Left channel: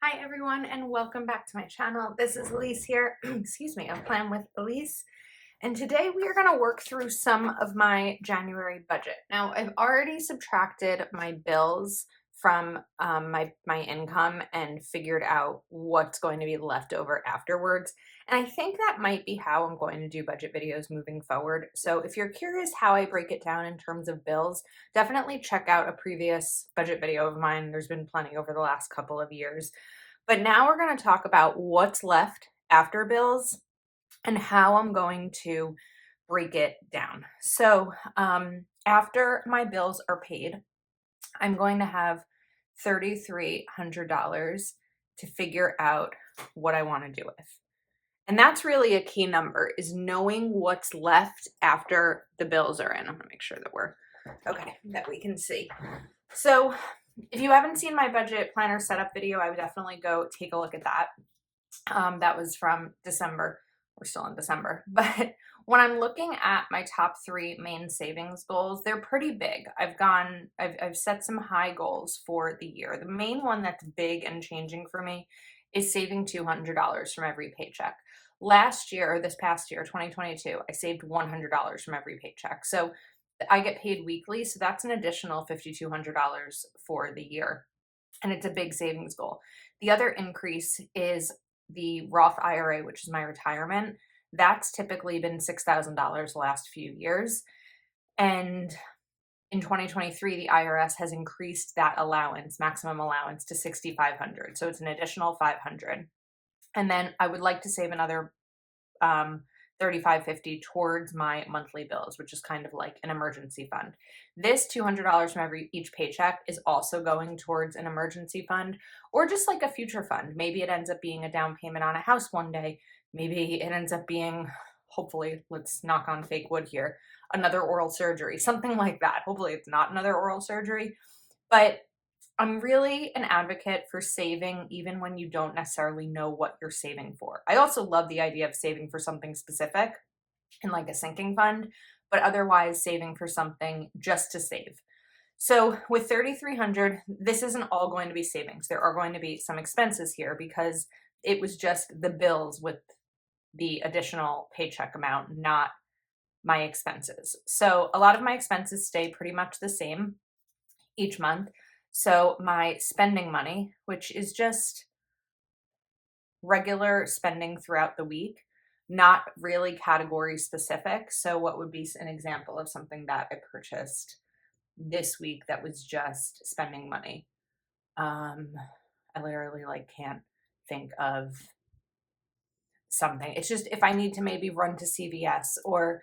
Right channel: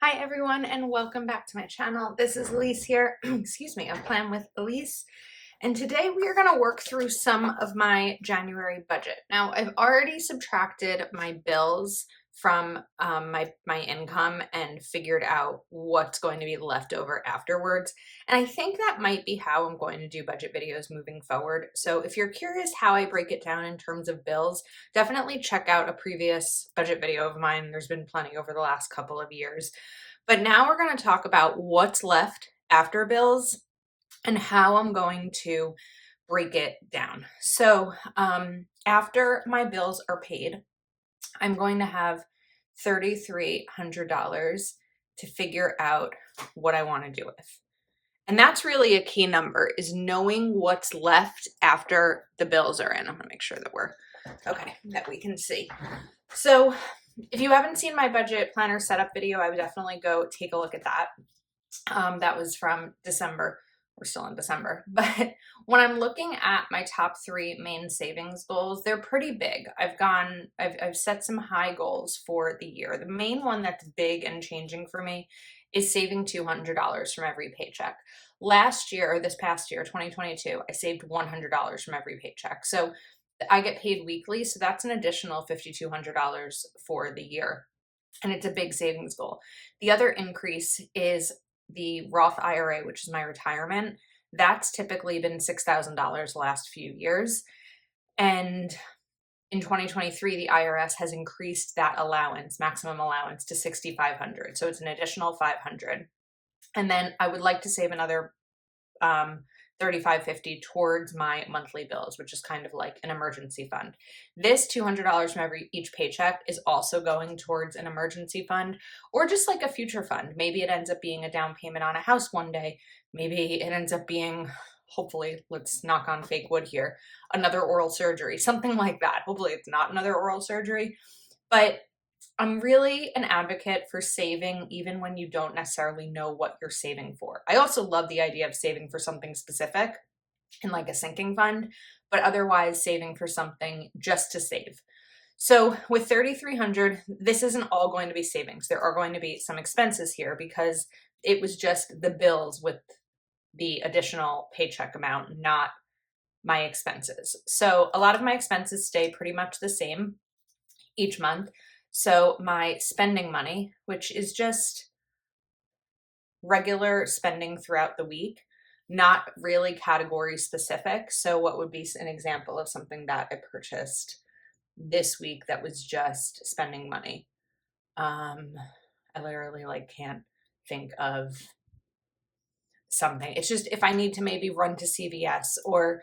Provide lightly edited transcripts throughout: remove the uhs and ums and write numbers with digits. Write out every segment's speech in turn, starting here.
Hi everyone and welcome back to my channel. This is Elise here, excuse me, I'm Plan with Elise. And today we are going to work through some of my January budget. Now I've already subtracted my bills from my income and figured out what's going to be left over afterwards. And I think that might be how I'm going to do budget videos moving forward. So if you're curious how I break it down in terms of bills, definitely check out a previous budget video of mine. There's been plenty over the last couple of years. But now we're going to talk about what's left after bills and how I'm going to break it down. So after my bills are paid, I'm going to have $3,300 to figure out what I want to do with. And that's really a key number, is knowing what's left after the bills are in. I'm going to make sure that we're okay, that we can see. So if you haven't seen my budget planner setup video, I would definitely go take a look at that. That was from December. We're still in December. But when I'm looking at my top 3 main savings goals, they're pretty big. I've set some high goals for the year. The main one that's big and changing for me is saving $200 from every paycheck. Last year, this past year, 2022, I saved $100 from every paycheck. So I get paid weekly, so that's an additional $5,200 for the year. And it's a big savings goal. The other increase is the Roth IRA, which is my retirement. That's typically been $6,000 the last few years. And in 2023, the IRS has increased that allowance, maximum allowance, to $6,500. So it's an additional $500. And then I would like to save another $3,550 towards my monthly bills, which is kind of like an emergency fund. This $200 from each paycheck is also going towards an emergency fund or just like a future fund. Maybe it ends up being a down payment on a house one day. Maybe it ends up being, hopefully, let's knock on fake wood here, another oral surgery, something like that. Hopefully it's not another oral surgery, but I'm really an advocate for saving even when you don't necessarily know what you're saving for. I also love the idea of saving for something specific in like a sinking fund, but otherwise saving for something just to save. So with 3,300, this isn't all going to be savings. There are going to be some expenses here because it was just the bills with the additional paycheck amount, not my expenses. So a lot of my expenses stay pretty much the same each month. So my spending money, which is just regular spending throughout the week, not really category specific. So what would be an example of something that I purchased this week that was just spending money? I literally can't think of something. It's just if I need to maybe run to CVS or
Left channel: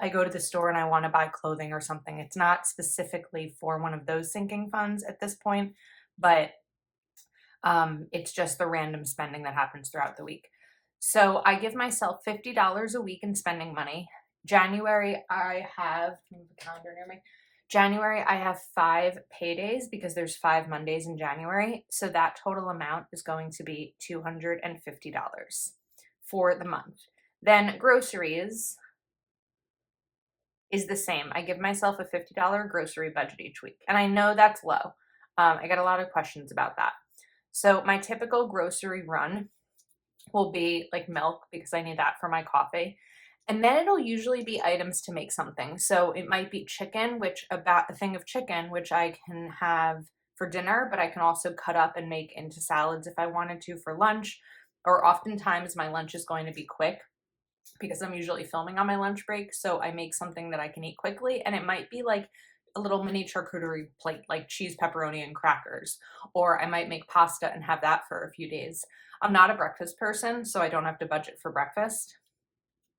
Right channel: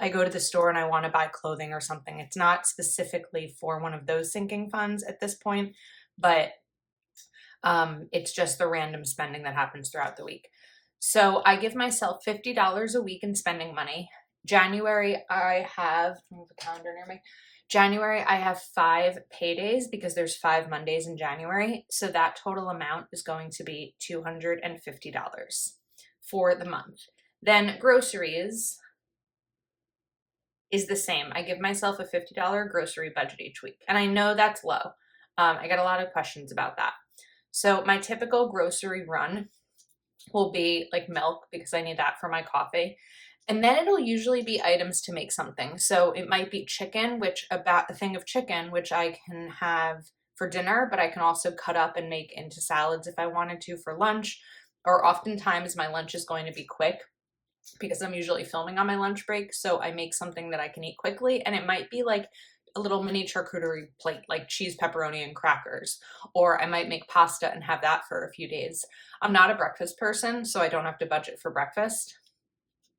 I go to the store and I want to buy clothing or something. It's not specifically for one of those sinking funds at this point, but it's just the random spending that happens throughout the week. So I give myself $50 a week in spending money. January, I have, move the calendar near me. January, I have 5 paydays because there's 5 Mondays in January. So that total amount is going to be $250 for the month. Then groceries is the same. I give myself a $50 grocery budget each week. And I know that's low. I got a lot of questions about that. So my typical grocery run will be like milk because I need that for my coffee. And then it'll usually be items to make something. So it might be chicken, which about a thing of chicken, which I can have for dinner, but I can also cut up and make into salads if I wanted to for lunch. Or oftentimes my lunch is going to be quick because I'm usually filming on my lunch break. So I make something that I can eat quickly. And it might be like a little mini charcuterie plate, like cheese, pepperoni, and crackers. Or I might make pasta and have that for a few days. I'm not a breakfast person, so I don't have to budget for breakfast.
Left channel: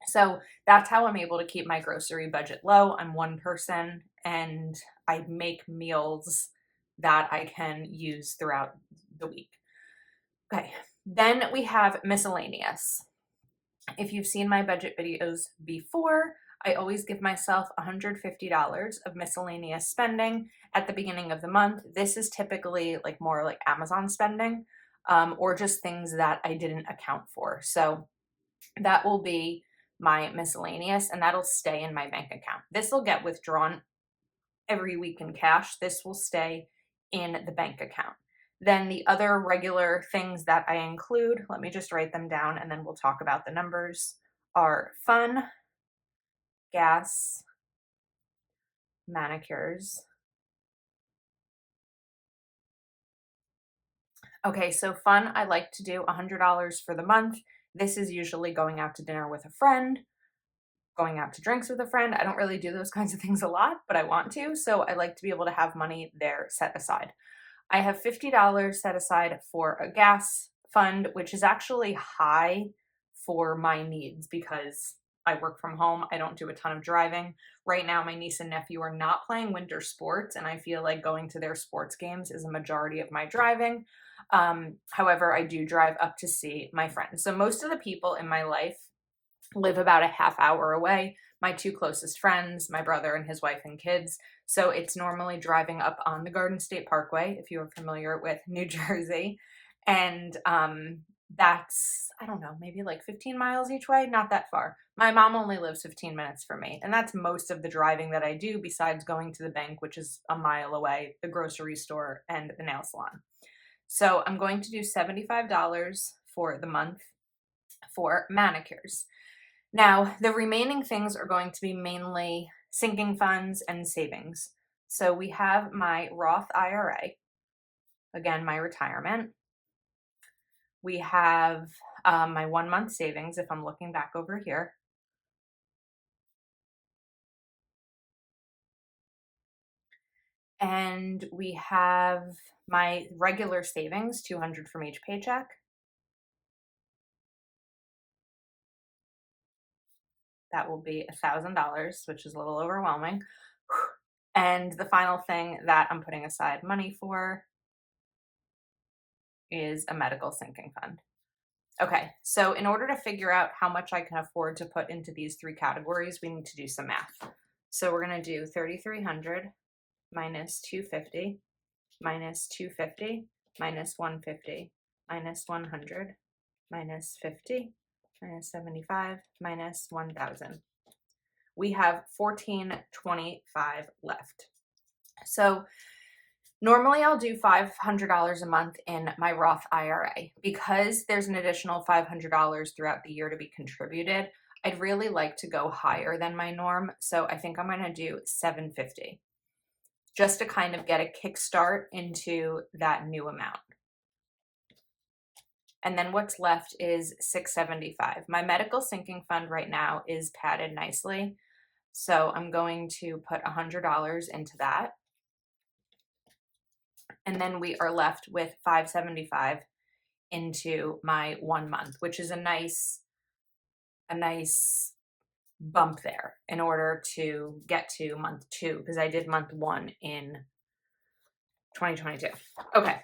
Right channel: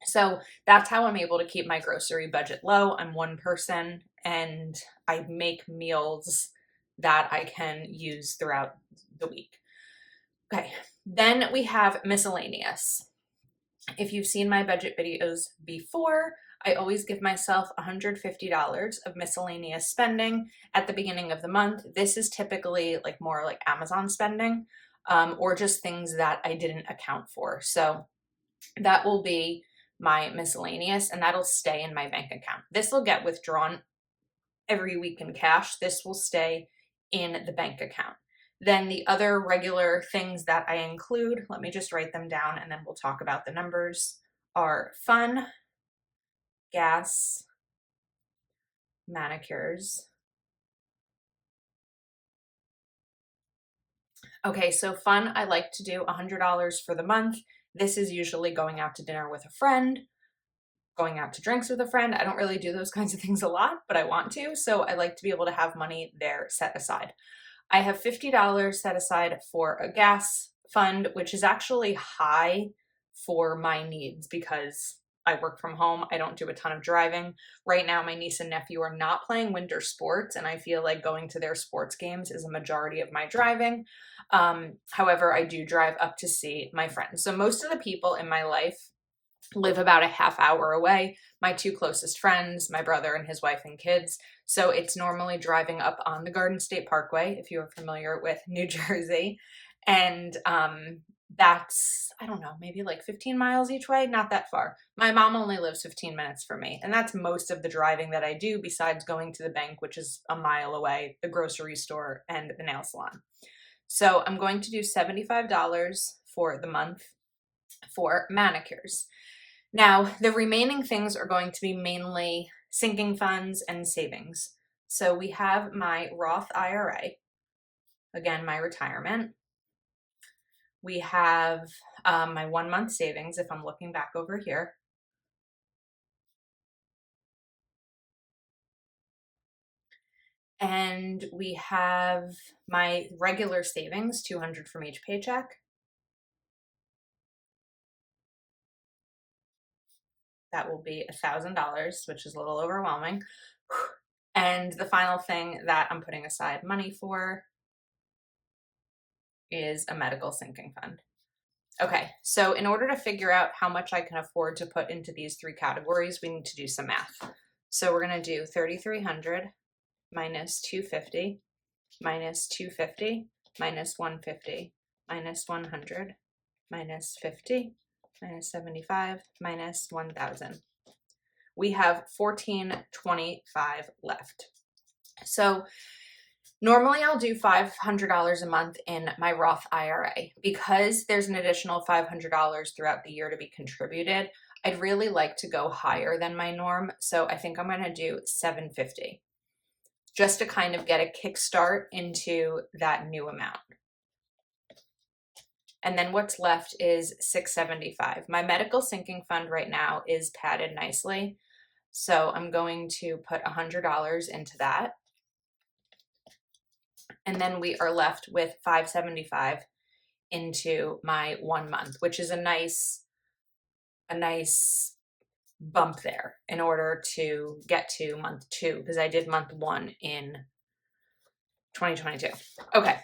So that's how I'm able to keep my grocery budget low. I'm one person and I make meals that I can use throughout the week. Okay, then we have miscellaneous. If you've seen my budget videos before, I always give myself $150 of miscellaneous spending at the beginning of the month. This is typically like more like Amazon spending or just things that I didn't account for. So that will be my miscellaneous and that'll stay in my bank account. This will get withdrawn every week in cash. This will stay in the bank account. Then the other regular things that I include, let me just write them down and then we'll talk about the numbers, are fun, gas, manicures. Okay, so fun, I like to do $100 for the month. This is usually going out to dinner with a friend, going out to drinks with a friend. I don't really do those kinds of things a lot, but I want to. So I like to be able to have money there set aside. I have $50 set aside for a gas fund, which is actually high for my needs because I work from home. I don't do a ton of driving. Right now, my niece and nephew are not playing winter sports, and I feel like going to their sports games is a majority of my driving. However, I do drive up to see my friends. So most of the people in my life live about a half hour away. My two closest friends, my brother and his wife and kids. So it's normally driving up on the Garden State Parkway, if you're familiar with New Jersey. And that's, I don't know, maybe like 15 miles each way, not that far. My mom only lives 15 minutes from me. And that's most of the driving that I do besides going to the bank, which is a mile away, the grocery store, and the nail salon. So I'm going to do $75 for the month for manicures. Now, the remaining things are going to be mainly sinking funds and savings. So we have my Roth IRA, again, my retirement. We have my 1 month savings, if I'm looking back over here. And we have my regular savings, 200 from each paycheck. That will be $1,000, which is a little overwhelming. And the final thing that I'm putting aside money for is a medical sinking fund. Okay, so in order to figure out how much I can afford to put into these three categories, we need to do some math. So we're going to do 3,300 minus 250 minus 250 minus 150 minus 100 minus 50 minus 75 minus 1,000. We have 1,425 left. So normally I'll do $500 a month in my Roth IRA. Because there's an additional $500 throughout the year to be contributed, I'd really like to go higher than my norm. So I think I'm going to do $750 just to kind of get a kickstart into that new amount. And then what's left is $675. My medical sinking fund right now is padded nicely. So I'm going to put $100 into that. And then we are left with $575 into my 1 month, which is a nice bump there in order to get to month 2, because I did month 1 in 2022. Okay.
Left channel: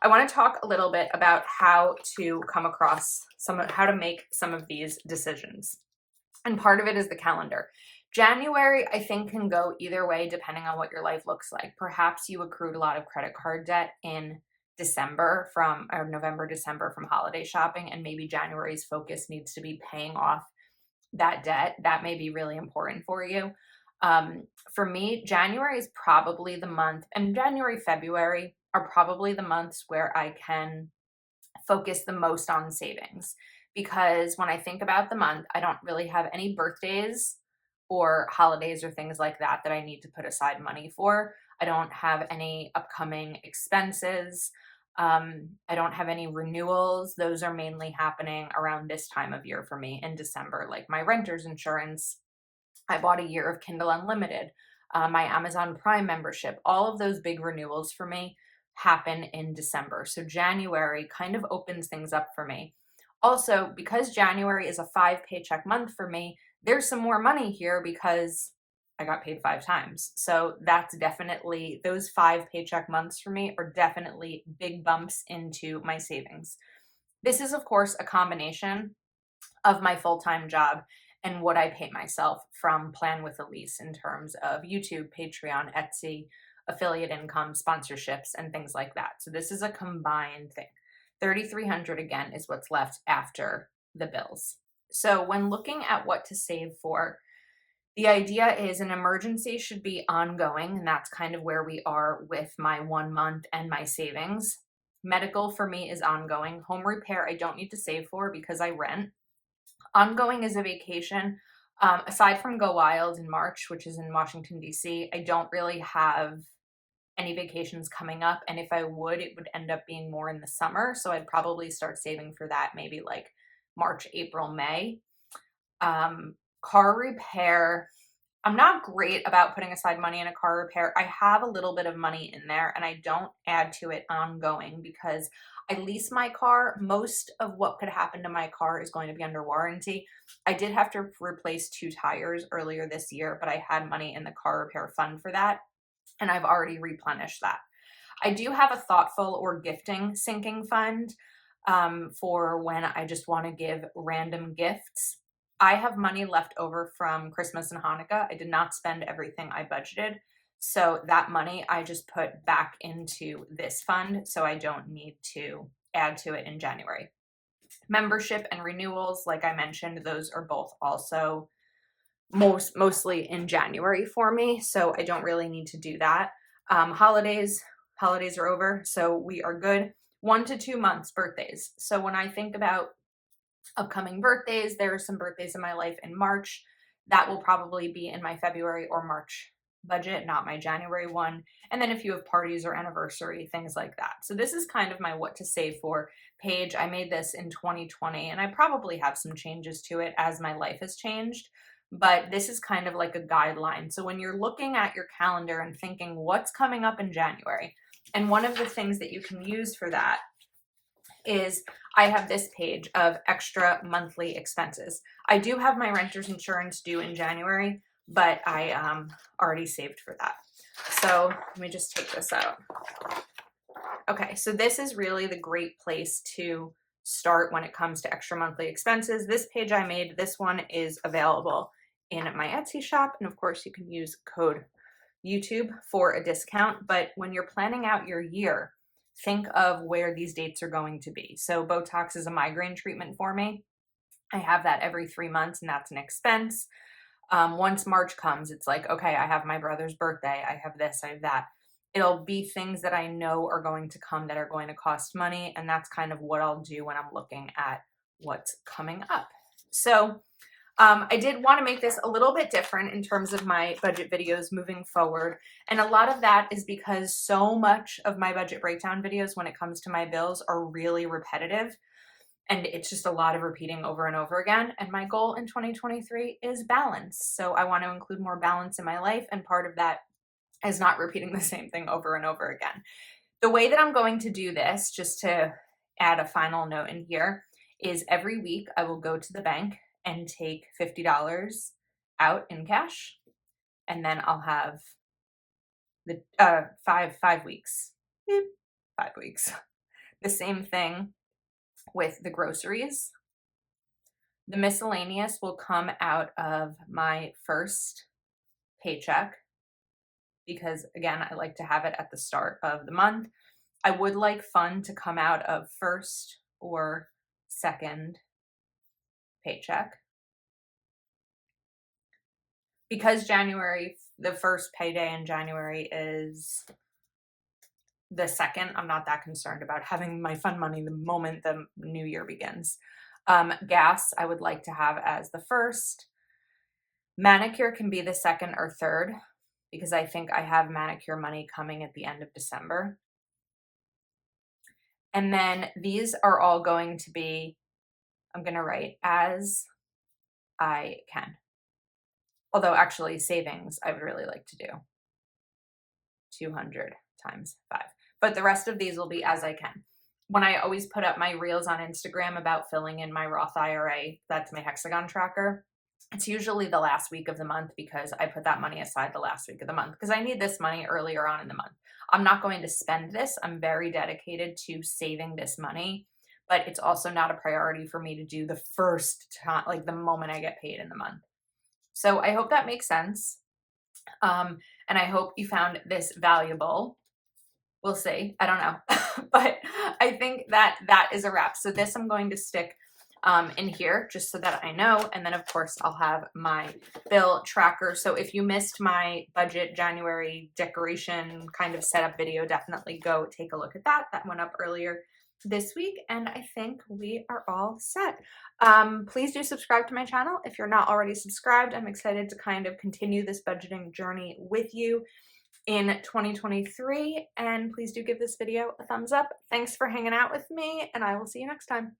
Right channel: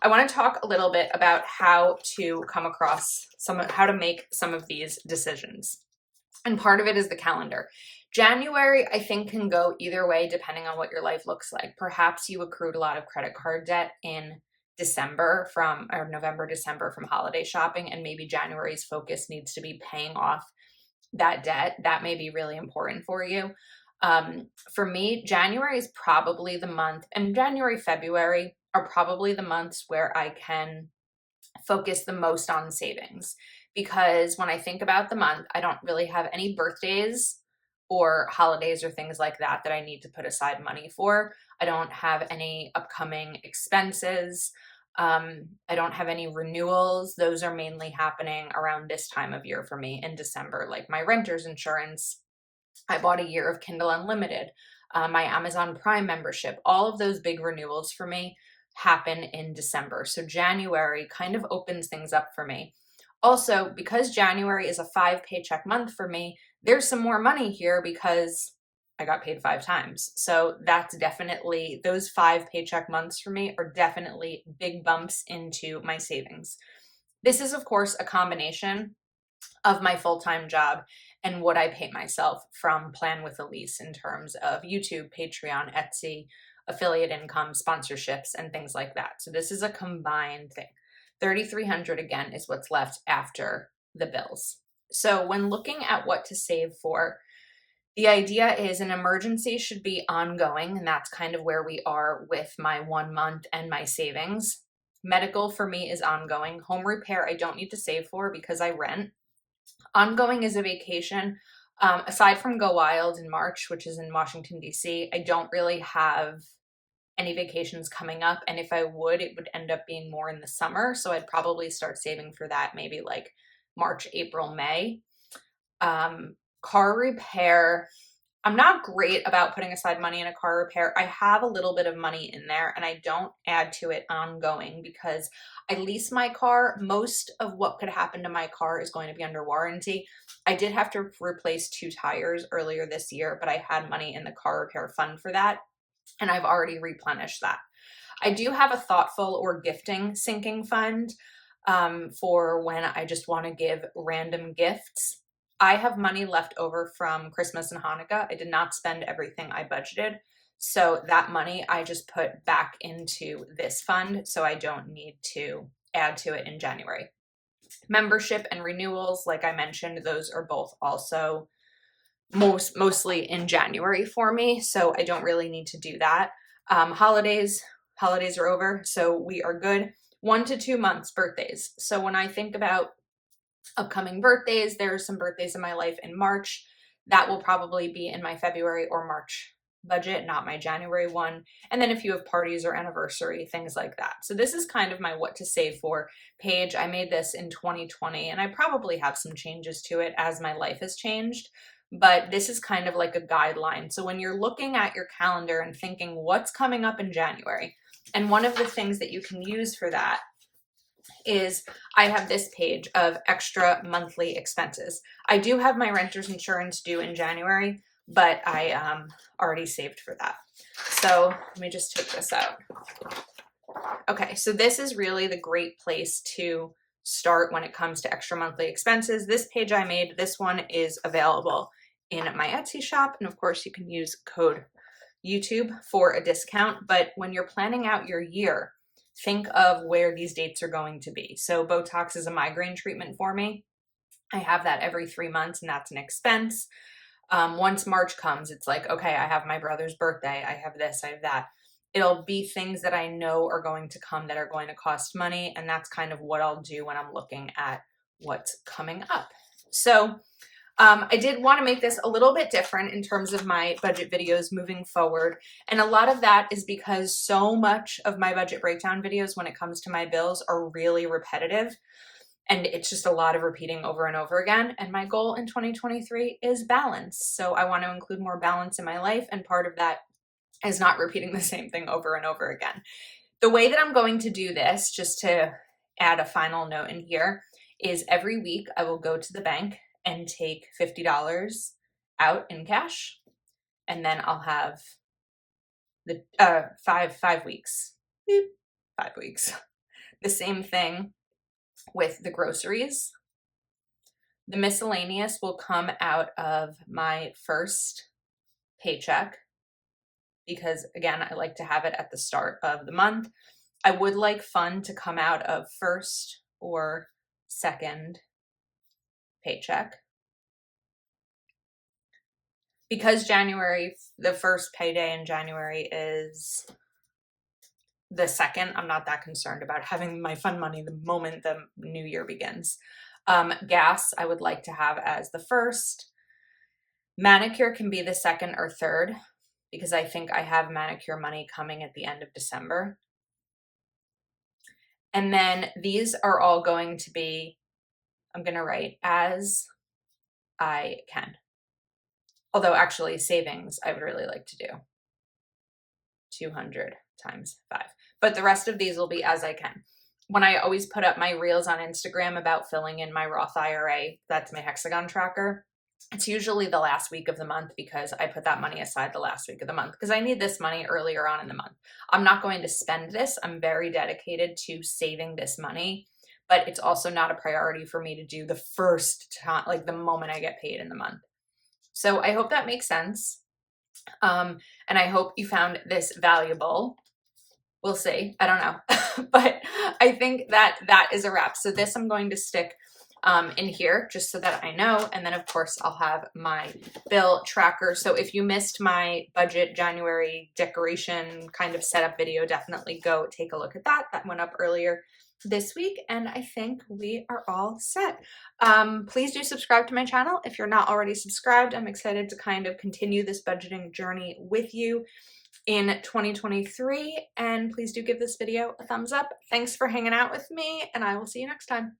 I want to talk a little bit about how to come across how to make some of these decisions. And part of it is the calendar. January, I think, can go either way depending on what your life looks like. Perhaps you accrued a lot of credit card debt in November, December from holiday shopping, and maybe January's focus needs to be paying off that debt. That may be really important for you. For me, January is probably the month, and January, February are probably the months where I can focus the most on savings, because when I think about the month, I don't really have any birthdays or holidays or things like that that I need to put aside money for. I don't have any upcoming expenses. I don't have any renewals. Those are mainly happening around this time of year for me in December, like my renter's insurance. I bought a year of Kindle Unlimited, my Amazon Prime membership. All of those big renewals for me happen in December. So January kind of opens things up for me. Also, because January is a 5 paycheck month for me, there's some more money here because I got paid 5 times. So that's definitely, those 5 paycheck months for me are definitely big bumps into my savings. This is, of course, a combination of my full-time job and what I pay myself from Plan with Elise in terms of YouTube, Patreon, Etsy, affiliate income, sponsorships, and things like that. So this is a combined thing. 3,300 again is what's left after the bills. So when looking at what to save for, the idea is an emergency should be ongoing, and that's kind of where we are with my 1 month and my savings. Medical for me is ongoing. Home repair, I don't need to save for because I rent. Ongoing is a vacation. Aside from Go Wild in March, which is in Washington, D.C., I don't really have any vacations coming up. And if I would, it would end up being more in the summer. So I'd probably start saving for that maybe like March, April, May. Car repair, I'm not great about putting aside money in a car repair. I have a little bit of money in there and I don't add to it ongoing because I lease my car. Most of what could happen to my car is going to be under warranty. I did have to replace 2 tires earlier this year, but I had money in the car repair fund for that, and I've already replenished that. I do have a thoughtful or gifting sinking fund for when I just want to give random gifts. I have money left over from Christmas and Hanukkah. I did not spend everything I budgeted. So that money I just put back into this fund so I don't need to add to it in January. Membership and renewals, like I mentioned, those are both also mostly in January for me. So I don't really need to do that. Holidays are over. So we are good. 1 to 2 months birthdays. So when I think about upcoming birthdays, there are some birthdays in my life in March that will probably be in my February or March budget, not my January one. And then if you have parties or anniversary, things like that. So this is kind of my what to save for page. I made this in 2020 and I probably have some changes to it as my life has changed, but this is kind of like a guideline. So when you're looking at your calendar and thinking what's coming up in January, and one of the things that you can use for that is I have this page of extra monthly expenses. I do have my renter's insurance due in January, but I already saved for that. So let me just take this out. Okay, so this is really the great place to start when it comes to extra monthly expenses. This page I made, this one is available in my Etsy shop. And of course you can use code YouTube for a discount. But when you're planning out your year, think of where these dates are going to be. So Botox is a migraine treatment for me. I have that every 3 months and that's an expense. Once March comes, it's like, okay, I have my brother's birthday. I have this, I have that. It'll be things that I know are going to come that are going to cost money. And that's kind of what I'll do when I'm looking at what's coming up. So I did want to make this a little bit different in terms of my budget videos moving forward. And a lot of that is because so much of my budget breakdown videos when it comes to my bills are really repetitive. And it's just a lot of repeating over and over again. And my goal in 2023 is balance. So I want to include more balance in my life. And part of that is not repeating the same thing over and over again. The way that I'm going to do this, just to add a final note in here, is every week I will go to the bank and take $50 out in cash. And then I'll have the 5 weeks, 5 weeks. The same thing with the groceries. The miscellaneous will come out of my first paycheck because again, I like to have it at the start of the month. I would like fund to come out of first or second paycheck. Because January, the first payday in January is the second, I'm not that concerned about having my fund money the moment the new year begins. Gas, I would like to have as the first. Manicure can be the second or third because I think I have manicure money coming at the end of December. And then these are all going to be, I'm going to write as I can. Although actually savings, I would really like to do 200 times 5. But the rest of these will be as I can. When I always put up my reels on Instagram about filling in my Roth IRA, that's my hexagon tracker. It's usually the last week of the month because I put that money aside the last week of the month because I need this money earlier on in the month. I'm not going to spend this. I'm very dedicated to saving this money, but it's also not a priority for me to do the first time, like the moment I get paid in the month. So I hope that makes sense. And I hope you found this valuable. We'll see. I don't know. But I think that is a wrap. So this I'm going to stick in here just so that I know. And then of course I'll have my bill tracker. So if you missed my budget January decoration kind of setup video, definitely go take a look at that. That went up earlier this week, and I think we are all set. Please do subscribe to my channel if you're not already subscribed. I'm excited to kind of continue this budgeting journey with you in 2023, and please do give this video a thumbs up. Thanks for hanging out with me, and I will see you next time.